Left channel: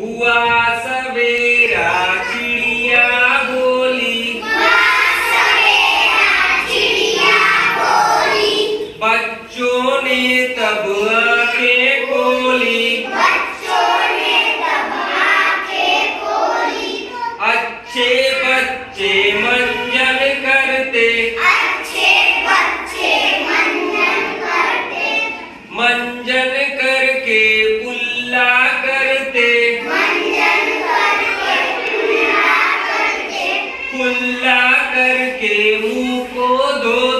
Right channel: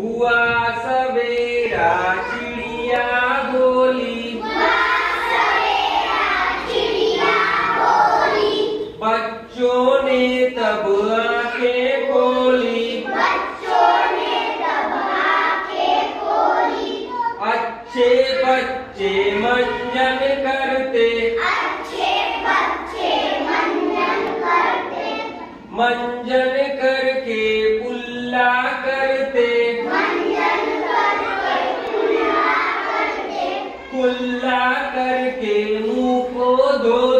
हुआ सवेरा चिड़िया बोली, बच्चों ने तब आंखें खोली, अच्छे बच्चे मंजन करते, मंजन करके पुल्ला करते, पुल्ला करके मुंह को धोते।